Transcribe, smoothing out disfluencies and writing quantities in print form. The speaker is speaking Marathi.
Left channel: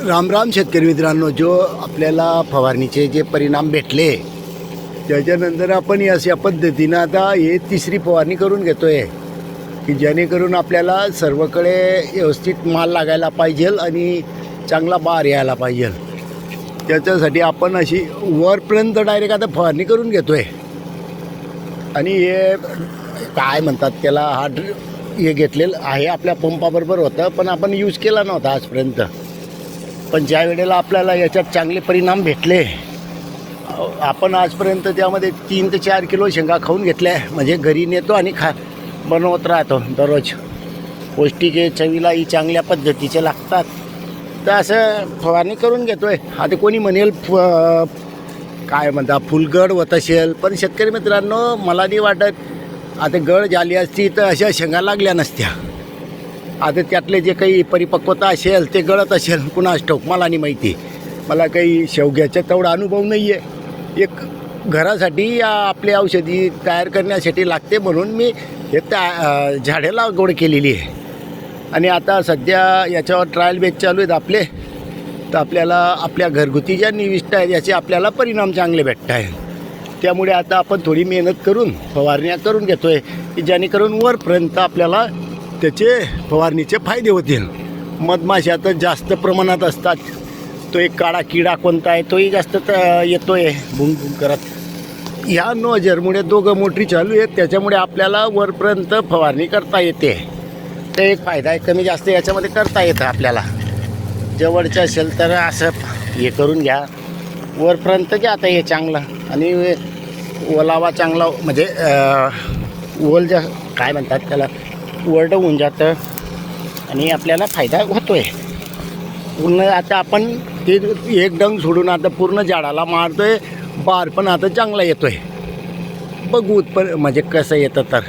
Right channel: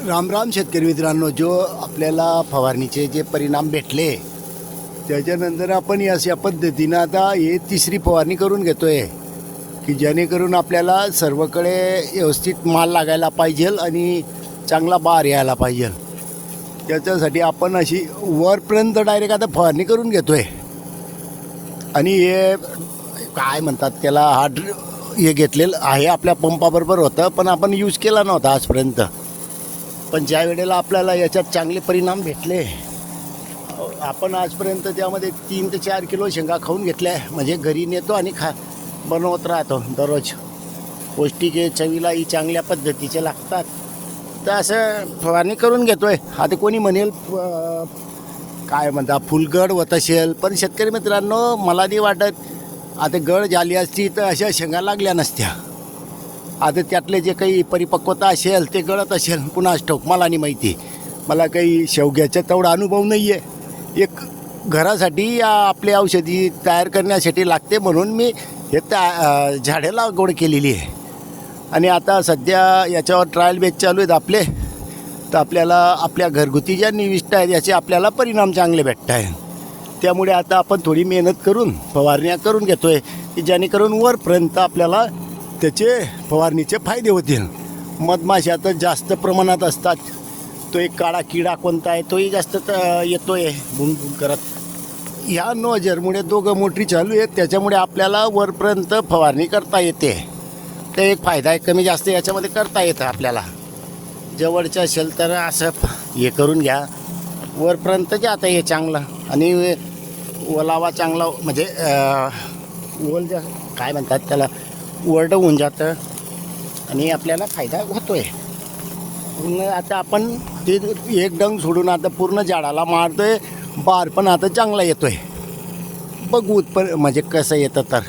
राम राम शेतकरी मित्रांनो, जो आपल्याला फवारणीचे जे परिणाम भेटले त्याच्यानंतर आपण अशा पद्धतीनं आता हे तिसरी फवारणी करून घेतो आहे की जेणेकरून आपल्याला सर्वकडे व्यवस्थित माल लागायला पाहिजे आणि चांगला बार यायला पाहिजे. त्याच्यासाठी आपण अशी वरपर्यंत डायरेक्ट आता फवारणी करून घेतो आहे. आणि हे काय म्हणतात त्याला, हे घेतलेलं आहे आपल्या पंपाबरोबर होतं, पण आपण यूज केला नव्हता आजपर्यंत. पण ज्या वेळेला आपल्याला याच्यात चांगले परिणाम भेटले, आपण आजपर्यंत त्यामध्ये 3 ते 4 किलो शेंगा खाऊन घेतल्या. म्हणजे घरी नेतो आणि बनवत राहतो दररोज. पौष्टिक आहे, चवीलाही चांगल्या पद्धतीचे लागतात. तर असं फवारणी करून घेतो आहे. आता कोणी म्हणेल काय म्हणता फुलगड होत असेल, पण शेतकरी मित्रांनो मला नाही वाटत आता गड झाली असती तर अशा शेंगा लागल्या नसत्या. आता त्यातले जे काही परिपक्वता असेल ते गळत असेल, कुणास ठाऊक, मला नाही माहिती. मला काही शेवग्याचा तेवढा अनुभव नाही आहे. एक घरासाठी आपली औषधी तयार करण्यासाठी लागते म्हणून मी हे झाडे लागवड केलेली आहे. आणि आता सध्या याच्यावर ट्रायल बेस चालू आहेत आपले. तर आपल्याला आपल्या घरगुती ज्या निविष्ठा आहेत याचे आपल्याला परिणाम चांगले भेटत आहे. त्यामुळे आता आपण थोडी मेहनत करून फवारण्या करून घेतो आहे की जेणेकरून वरपर्यंत आपल्याला त्याचे फवारणीचे फायदे होतील. मधमाशा तर जास्त प्रमाणात असतात. तो एक काळा किडा कोणता आहे तोही जास्त येतो आहे भुंग करत. ह्या नोजरमुळे 2 मोटरी चालू आहेत, त्याच्यामुळे आपल्याला वरपर्यंत फवारणी करता येते. ते एक फायदा आहे. कमी जास्त याच्यामध्ये करता येतं आपल्याला. जवळचं असेल तर असं हे करून घ्या, वरपर्यंत घ्या. आता हे चांगलं आणि ओलावा चांगला, म्हणजे ओल ज्या काय म्हणतात त्याला, वरडं होऊन जातं आणि आपल्याला फायदा होतो आहे. पूर्ण आता आपण ते एक डंग सोडून आता पूर्ण झाडाला मारतो आहे. बार पण आता चांगला येतो आहे. बघू म्हणजे कसं येतं तर.